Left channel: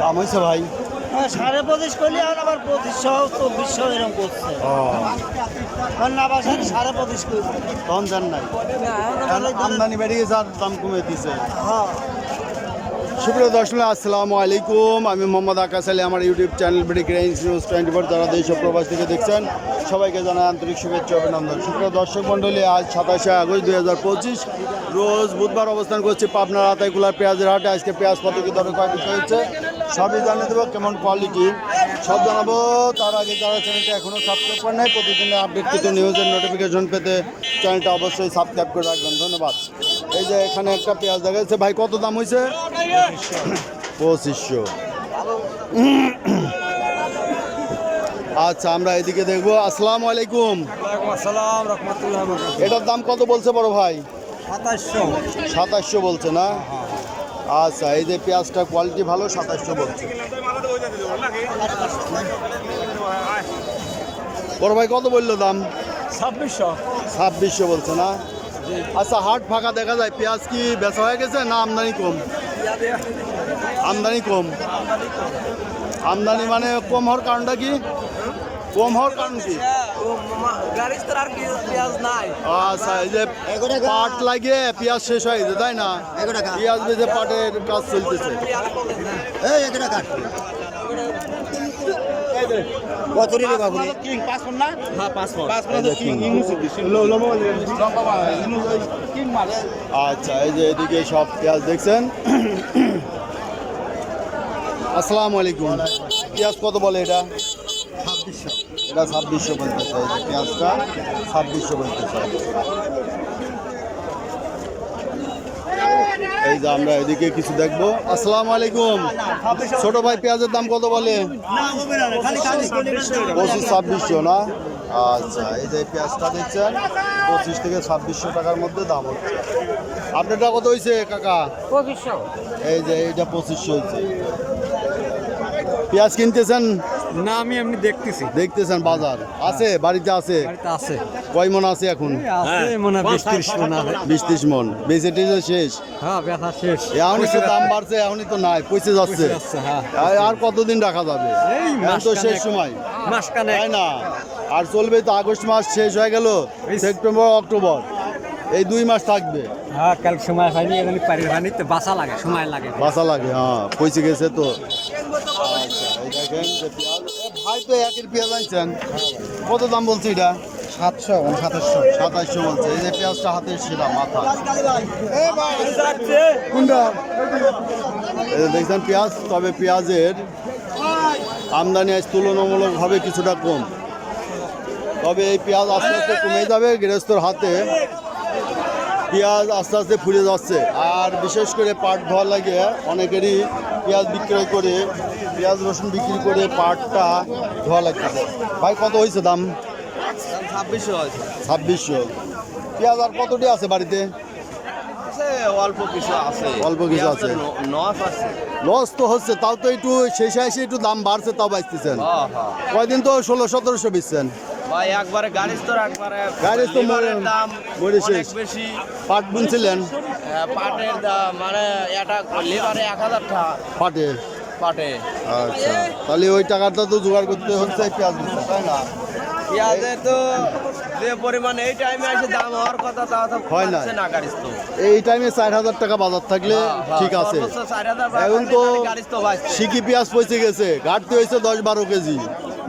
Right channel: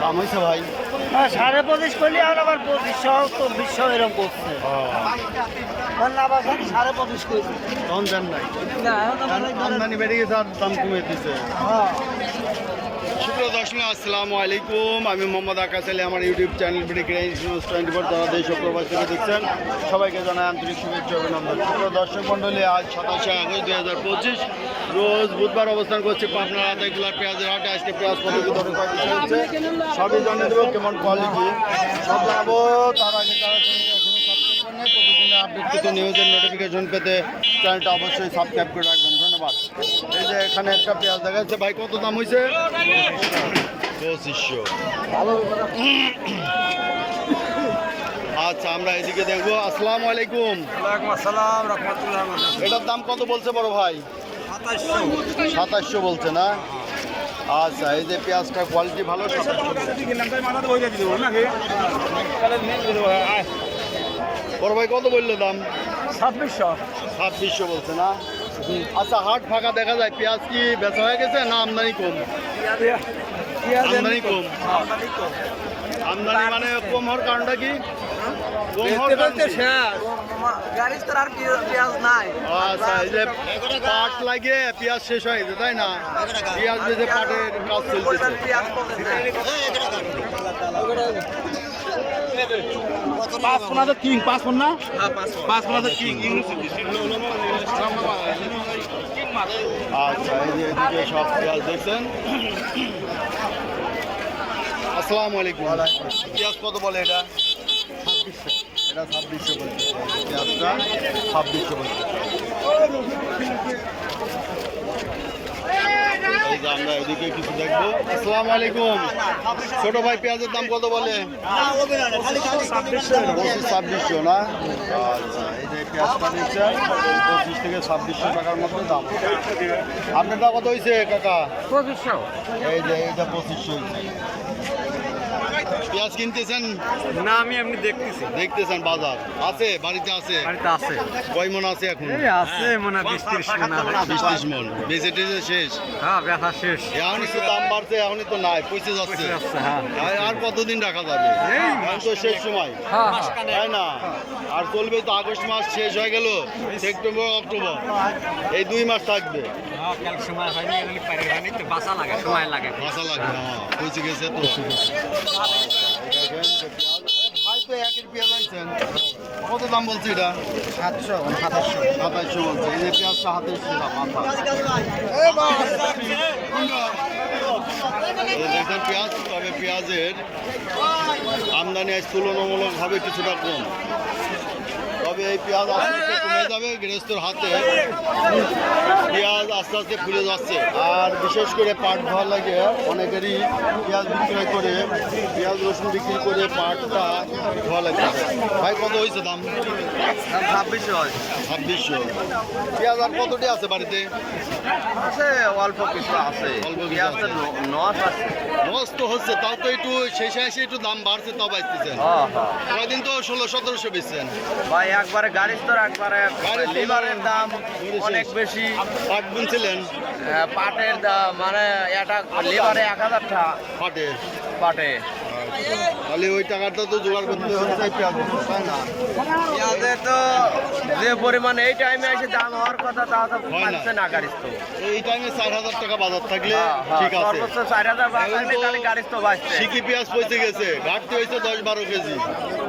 দাম হয়েছে ভাই? হ্যাঁ সাড়ে পঁচিশ করলে আর আবার পঁচিশশো চব্বিশশো এরকম করছে। না সাড়ে পঁচিশ করি তখন দেন নাই। না এখন আবার আমদানি বেড়ে গেছে আর দাম কমে দিছে। হ্যাঁ। সুপ্রিয় দর্শক, আসসালামু আলাইকুম। আমি মোহাম্মদ আকাশ আলী, আমার YouTube channel break range news twenty four যারা দেশ প্রবাস থেকে দেখছেন। সবাইকে জানাই আন্তরিক শুভেচ্ছা অভিনন্দন। সুপ্রিয় দর্শক মণ্ডলী, আজ সাতাশে আগস্ট দুই হাজার পঁচিশ। রোজ বুধবার অবস্থান করছি পাবনার আতাইকুলার পেঁয়াজের হাটে। আজকে পেঁয়াজ কত কি দরে কয়েক বিষয় হচ্ছে সবই জানিয়ে দেবো কেমন কোয়ালিটি সব জানাব তার আগে যারা চ্যানেলটা এখনও সাবস্ক্রাইব করে নেই প্রতিদিন আপডেট পেতে নিউজের নোটিফিকেশন পেতে চ্যানেলটা অবশ্যই সাবস্ক্রাইব করে রাখবেন। ধন্যবাদ। এই যে এখানে একটা পেঁয়াজ দেখা যাচ্ছে ভাই কত দাম হয়েছে পঁচিশশো। আচ্ছা আমরা এদিকে দেখব। আসসালামু আলাইকুম। ওয়ালাইকুম আসসালাম রহমতুল্লাহ এটার দাম কত বলছে বড় ভাই? সাতাশশো। সাতাশশো বলছে না? আচ্ছা এই যে পেঁয়াজটা কোয়ালিটি ভালো সাতাশশো বলছে। বড় ভাই কত বলল দাম? ছাব্বিশশো। ছাব্বিশশো বলছে না? আচ্ছা হাট ফাঁকা দেখা যায় পেঁয়াজ কি বেচা হয়ে গেছে না আমদানি কম। আমদানি কম। আমদানি মানে কম হওয়ার কারণটা কি? কম হওয়ার কারণ কি যে পাট লাগিয়ে পেঁয়াজ শেষ হয়ে গেছে, তাই না? পেঁয়াজ বেঁধে পাটের কাজ চলতেছে। আচ্ছা এই যে এদিকে সব পেঁয়াজ দেখছেন। আসসালামু আলাইকুম। পেঁয়াজ কত বলে এটা? এটা ছাব্বিশশো বলতে চাই যে পেঁয়াজটা ছাব্বিশশো বলতে চাই। এই যে আমরা এদিকে কিছু দেখব। আসসালামু আলাইকুম। ছোট ভাই পেঁয়াজের দাম কত বলে? পঁচিশ ছাব্বিশশো না? আচ্ছা এই যে পেঁয়াজটা দেখছেন পঁচিশ থেকে ছাব্বিশশো টাকার মধ্যে দাম হচ্ছে আপনারটা কত হয়েছে কাকা? পঁচিশশো। এই যে এইটা পঁচিশশো হয়েছে পেঁয়াজ কিনতেছেন? না আমি এমনি দেখতেছি। দেখতেছেন বাজার? আছে বাড়িতে আছে? বাড়িতে আছে। কয় মন আছে এখন? আছে মনে বিশ ত্রিশ মন বিশ ত্রিশ মন। বেঁচে টেচে শেষ? হ্যাঁ ব্যথা শেষ। এখনই তো দাম বাড়ছে এখনই তো নাই পৌঁছে যাচ্ছে। হ্যাঁ। আর- আর কতদিন রাখা যাবে? এই তো শেষ সময়। তাই না? আর চলবে তো আগস্ট মাস শেষ হয়ে গেল সেপ্টেম্বর অক্টোবর। এই দুই মাস থাকবে। হ্যাঁ কাল সময় হয়নি এখানে পানির হয়নি তো বাসা লাগে সময় লাগে। বাসা লাগে হ্যাঁ পয়সা গেছে তো। ভাই তো একের পেঁয়াজ আনছেন কত দাম বলছে এটা? সাতশো সাতাশশো। সাতাইশশো বলছে। এই যে পেঁয়াজটা হাতে ছিল মাথা। এই দেখছেন পেঁয়াজ তবে পেঁয়াজের আমদানি আজ তুলনামূলকভাবে কিছুটা কম। তবে এই পেঁয়াজ আস্তে আস্তে কমে যাবে গৃহস্থর হাতে। পেঁয়াজ আস্তে আস্তে ফুলে যাচ্ছে। আর বিশেষ করে পাট ধোয়া লাগে অনেকেরই পেঁয়াজ বিক্রয় করে পেঁয়াজ রসুন বিক্রি করে পাটটা ধোয়া লাগতেছে ভাই কত হয়েছে দাম? ছাব্বিশশো ছাব্বিশশো। পেঁয়াজ আর কতটি আছে বাড়িতে? আছে অল্প কিছু আছে। অল্প কিছু আছে। লস তো হচ্ছে তাও তো একটু শেষে এসে একটু দাম বাড়ছে তাও বাঁচতেছেন। হ্যাঁ হ্যাঁ কয়দিন তো ষোলো সতেরোশো বেচছেন। ভাই একবারে গাড়ির তো একবারে গাড়ির তো দাম। অনেক বেশি। পাট বুনছিলেন? পাটের দাম মানে এটা লিভারে এক হাজার টাকা পাটে পাটে। আচ্ছা। তাহলে ওই টাকাটা তো জোগাড় করতে হচ্ছে পেঁয়াজ তাই না? পেঁয়াজের তো যে পরিমাণে এই টাইমে এসে দাম হওয়ার কথা তা তো হয়। পাচ্ছে না তো এই টাইমে চার হাজার টাকা বাজার থাকলে ঠিক আছে। হ্যাঁ, সর্বোচ্চ চার হাজার এখন তো পেঁয়াজ পৌঁছে গেছে ঘাটতি হয়েছে দশ বারো কেজি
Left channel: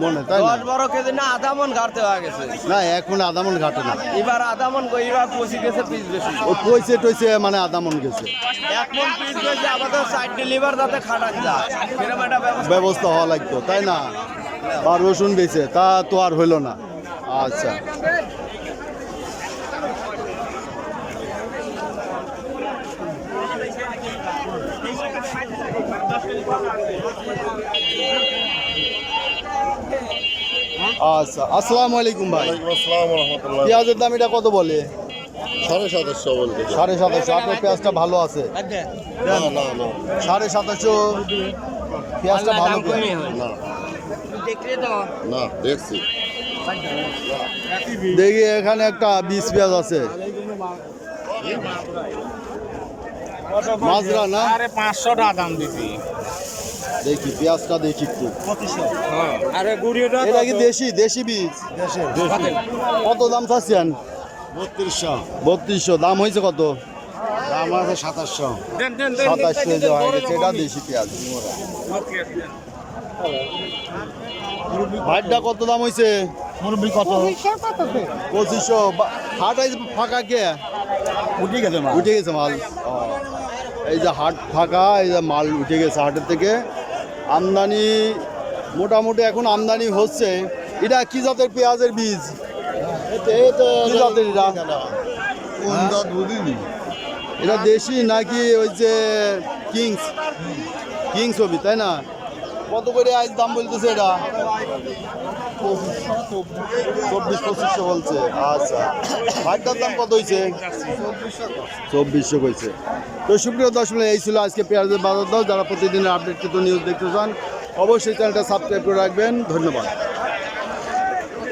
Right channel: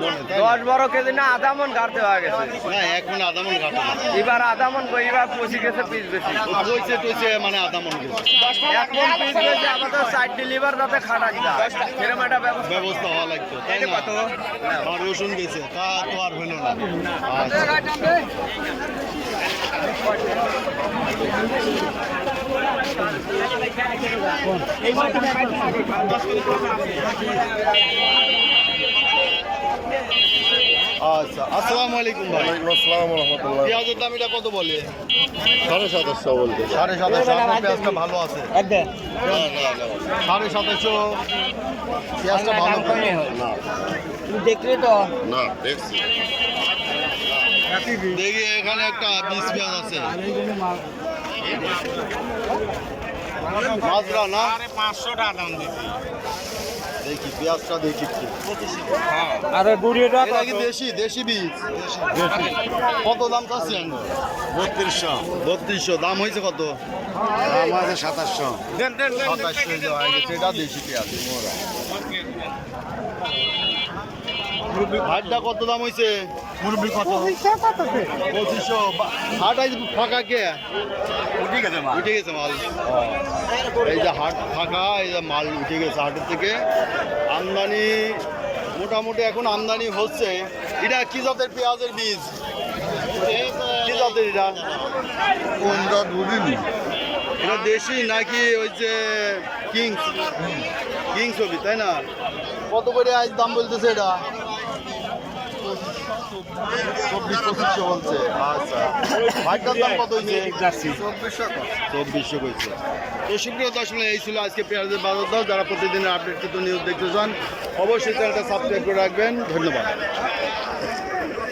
মনে তাই দশ বারো কেজি না আধা মন গাড়তে হয়ে গেছে। না এখন আধা মন ঘাটে না। এবার আধা মন এবার পচি গেছে পিস বেশি। ও টইছে মানে আধা মন গেছে। এক মন পিস বেশি আমাদের সাইড ডেলিভার যাতে খাটান যায় সেরকম একটা ব্যবস্থা হওয়া লাগতো তাই না? বা রসুন দিয়েছে তা তো আর হইল না। আচ্ছা। আচ্ছা আসসালামু আলাইকুম ভাই। আসসালাম রহমতুল্লাহ পেঁয়াজের দাম এটা কত বলে? সাড়ে সাতাশশো বলতে। সাড়ে সাতাশশো আপনার পেঁয়াজটা ভালো আছে? সাড়ে সাতাশশো। পেঁয়াজটা ভালো তো? না। দেখলে তো। না দেখছি। দেখি এখানে একটা বিষ পেঁয়াজ আছে। মাজরা না? পাঁচশো টাকা দাম দিছি। দেখি পেঁয়াজটা দেখি একটু। আরে গুড়িটা এটা কি দেশি? দেশি বীজ? কত দাম চাচ্ছেন? বত্রিশশো। বত্রিশশো। দাম হয়েছে কত? আছে সাতাশশো। সাতাশশো যে হয়ে গেছে এটা দেশি পেঁয়াজ ভাইটা কত দাম হয়েছে মুরব্বী কত? পঁচিশশো হাট আজ ফাঁকা কে? উঠে গেছে মা উঠে গেছে মাল। এই যে হাট ফাঁকা এই যে মাল উঠে গেছে হাটের থেকে। আমদানি মোটামুটি এখন আমদানি হচ্ছে। এটা কি জাতের পেঁয়াজের বীজ? কি জাতের এটা? কোন জাত বুঝিনি। এটা দেশি নাকি ওই যে কিংস? কিংস হবি তাই না? কত করে আজ দাম বলতেছে এটা? চব্বিশ পঁচিশশো বলছে আচ্ছা। দাম কত হয়েছে চব্বিশশো তো এই ছিল আজকে পেঁয়াজের বাজার যারা প্রতিদিনের আপডেট কিন্তু নিউজ দেখতে চান, অবশ্যই চ্যানেলটা সাবস্ক্রাইব করে রাখবেন। ধন্যবাদ।